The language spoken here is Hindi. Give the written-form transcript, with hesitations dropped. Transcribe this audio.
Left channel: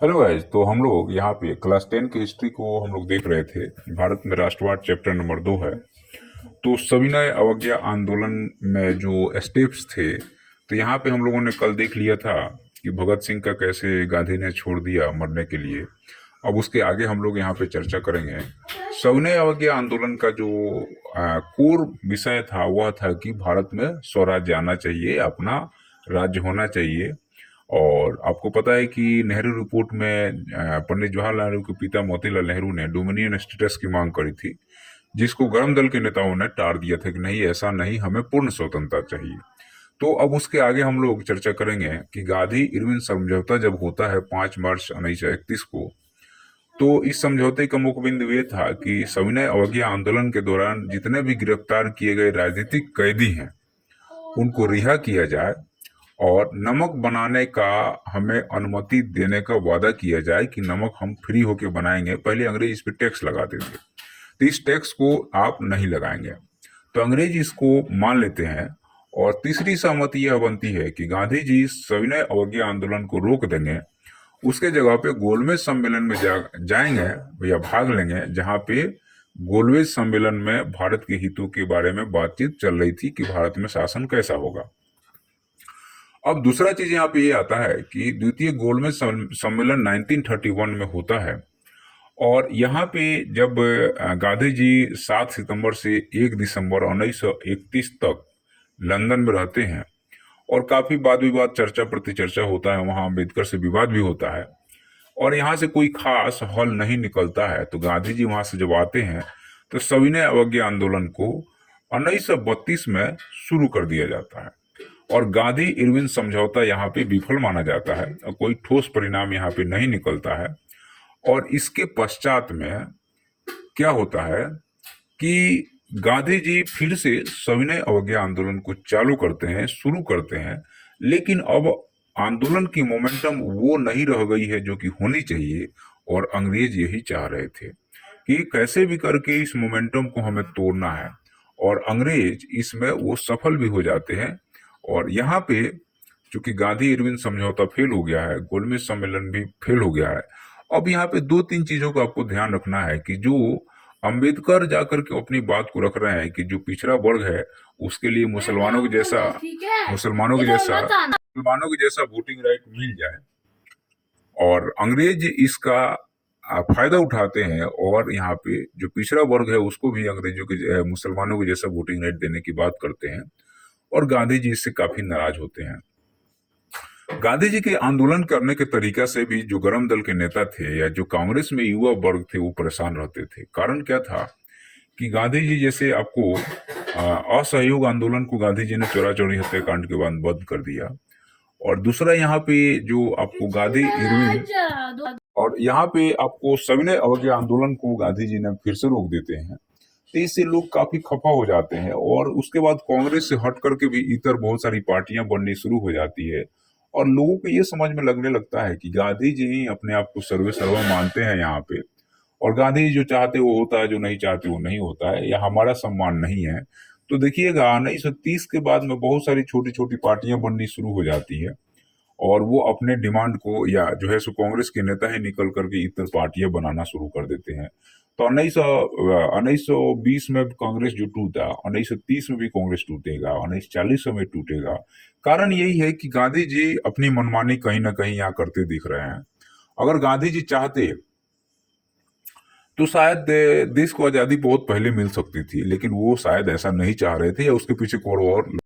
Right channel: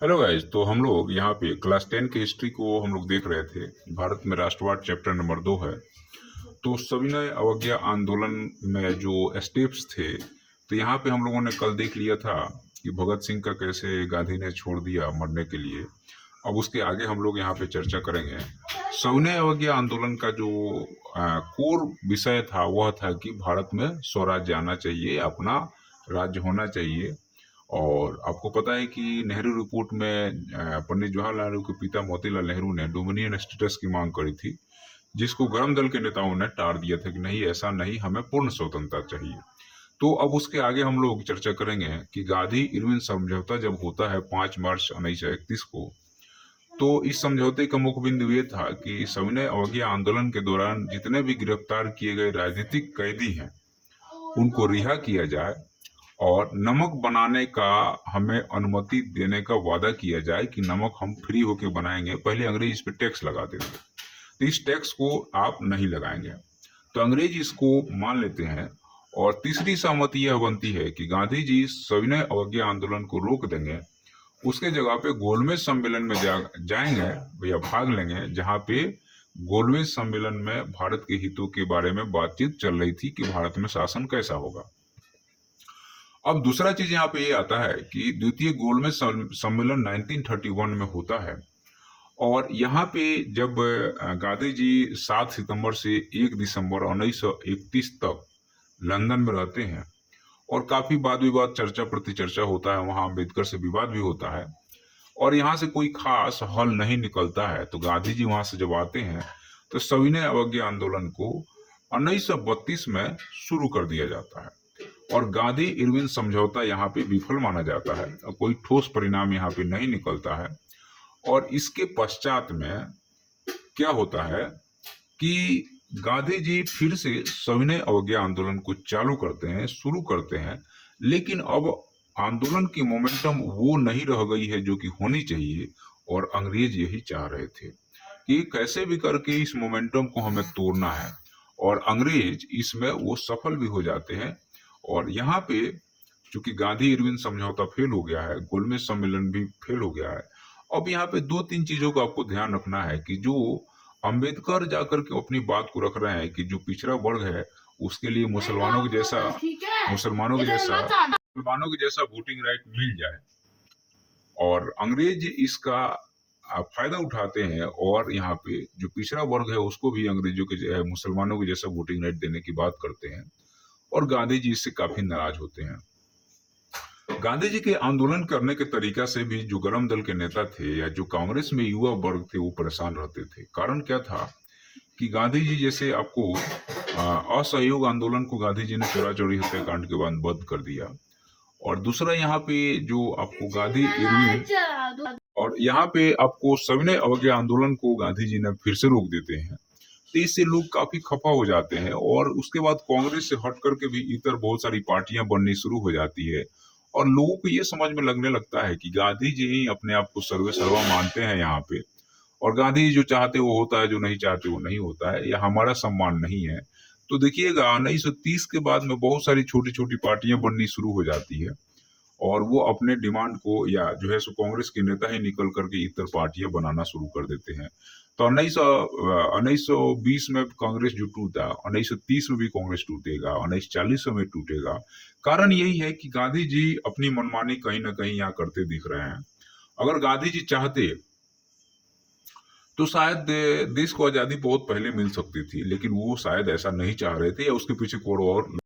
Hello guys. तो हम लोग यहाँ पे क्लास 10 की हिस्ट्री को हम लोग देख रहे थे। भारत में राष्ट्रवाद चैप्टर नंबर 2 है। तो सविनय अवज्ञा आंदोलन में जो स्टेप्स थे, तो यहाँ पे हम लोगों ने कल देख लिया था कि भगत सिंह का कैसे गांधी ने छोड़ दिया मरने के लिए। अब उसके आगे हम लोग यहाँ पे चर्चा करेंगे। सविनय अवज्ञा आंदोलन का जो कोर विषय था वह था कि भारत में स्वराज्य आना चाहिए, अपना राज्य होना चाहिए। और आपको पता है कि नेहरू रिपोर्ट में पंडित जवाहरलाल नेहरू के पिता मोतीलाल नेहरू ने डोमिनियन स्टेटस की मांग करी थी, जिसको गर्म दल के नेताओं ने टार दिया था कि नहीं, ऐसा नहीं, हमें पूर्ण स्वतंत्रता चाहिए। तो अब उसके आगे हम लोग चर्चा करेंगे कि गांधी इरविन समझौता जब होता है 5 मार्च 1931 को, तो इस समझौते का मुख्य बिंदु ये था कि सविनय अवज्ञा आंदोलन के दौरान जितने भी गिरफ्तार किए गए राजनीतिक कैदी हैं उनको रिहा किया जाए और नमक बनाने का हमें अनुमति देने का वादा किया जाए कि नमक हम फ्री होके बनाएंगे। पहले अंग्रेज इस पे टैक्स लगाते थे, तो इस टैक्स को आप नहीं लगाएंगे। तो अंग्रेज इसको मान लेते हैं। और तीसरी सहमति यह बनती है कि गांधी जी सविनय अवज्ञा आंदोलन को रोक देंगे, उसके जगह पे गोलमेज सम्मेलन में जाएंगे या भाग लेंगे, जहां पे गोलमेज सम्मेलन में भारत के हितों के बारे में बातचीत चल रही थी कि भारत में शासन कैसा होगा। अब दूसरा चीज यहाँ पे ये आता है कि द्वितीय गोलमेज सम्मेलन 1931 में होता है। और यहाँ पे जब गांधी जी 7 सितंबर से 1 दिसंबर 1931 तक लंदन में रहते हैं, और काफी वाद विवाद, चर्चा प्रति चर्चा होता है, वहां अम्बेडकर से विवाद भी होता है, और यहाँ से कोई खास हल नहीं निकलता है। तो गांधी जी वहां से जब आते हैं तो सविनय अवज्ञा आंदोलन को 1932 में शुरू कर दिया जाता है, और गांधी इरविन समझौता यहाँ पे विफल माना जाता है और कोई ठोस परिणाम यहाँ पे नहीं निकलता है। और इसके पश्चात में क्या होता है कि गांधी जी फिर से सविनय अवज्ञा आंदोलन को चालू करते हैं, शुरू करते हैं, लेकिन अब आंदोलन की मोमेंटम वो नहीं रह गई है जो कि होनी चाहिए। और अंग्रेज यही चाह रहे थे कि कैसे भी करके इस मोमेंटम को हमें तोड़ना है, और अंग्रेज इसमें वो सफल भी हो जाते हैं। और यहाँ पे चूंकि गांधी इरविन समझौता फेल हो गया है, गोलमेज सम्मेलन भी फेल हो गया है, अब यहाँ पे दो तीन चीजों का आपको ध्यान रखना है कि जो अंबेडकर जाकर के अपनी बात को रख रहे हैं कि जो पिछड़ा वर्ग है उसके लिए मुसलमानों के जैसा वोटिंग राइट मिल जाए, और अंग्रेज इसका फायदा उठाते हैं, और यहाँ पे जो पिछड़ा वर्ग है उसको भी अंग्रेजों के मुसलमानों के जैसा वोटिंग राइट देने की बात करते हैं। और गांधी जी इससे काफी नाराज होते हैं। गांधी जी के आंदोलन करने के तरीका से भी जो गरम दल के नेता थे या जो कांग्रेस में युवा वर्ग थे वो परेशान रहते थे। कारण क्या था कि गांधी जी जैसे आपको असहयोग आंदोलन को गांधी जी ने चौरा चौरी हत्याकांड के बाद बंद कर दिया, और दूसरा यहाँ पे जो आपको गांधी इरविन और यहाँ पे आपको सविनय अवज्ञा आंदोलन को गांधी जी ने फिर से रोक देते हैं। तो इससे लोग काफी खफा हो जाते हैं, और उसके बाद कांग्रेस से हट करके भी इतर बहुत सारी पार्टियां बननी शुरू हो जाती है, और लोगों को ये समझ में लगने लगता है कि गांधी जी ही अपने आप को सर्वे सर्वा मानते हैं यहाँ पे, और गांधी जी जो चाहते वो होता है, जो नहीं चाहते वो नहीं होता है, या हमारा सम्मान नहीं है। तो देखिएगा 1930 के बाद में बहुत सारी छोटी छोटी पार्टियां बननी शुरू हो जाती है, और वो अपने डिमांड को, या जो है सो कांग्रेस के नेता ही निकल करके इतर पार्टियां बनाना शुरू कर देते हैं। तो 1920 में कांग्रेस जो टूटा, 1930 में भी कांग्रेस टूटेगा, 1940 में टूटेगा। कारण यही है कि गांधी जी अपनी मनमानी कहीं ना कहीं यहाँ करते दिख रहे हैं। अगर गांधी जी चाहते तो शायद देश को आजादी बहुत पहले मिल सकती थी, लेकिन वो शायद ऐसा नहीं चाह रहे थे, या उसके पीछे कोई और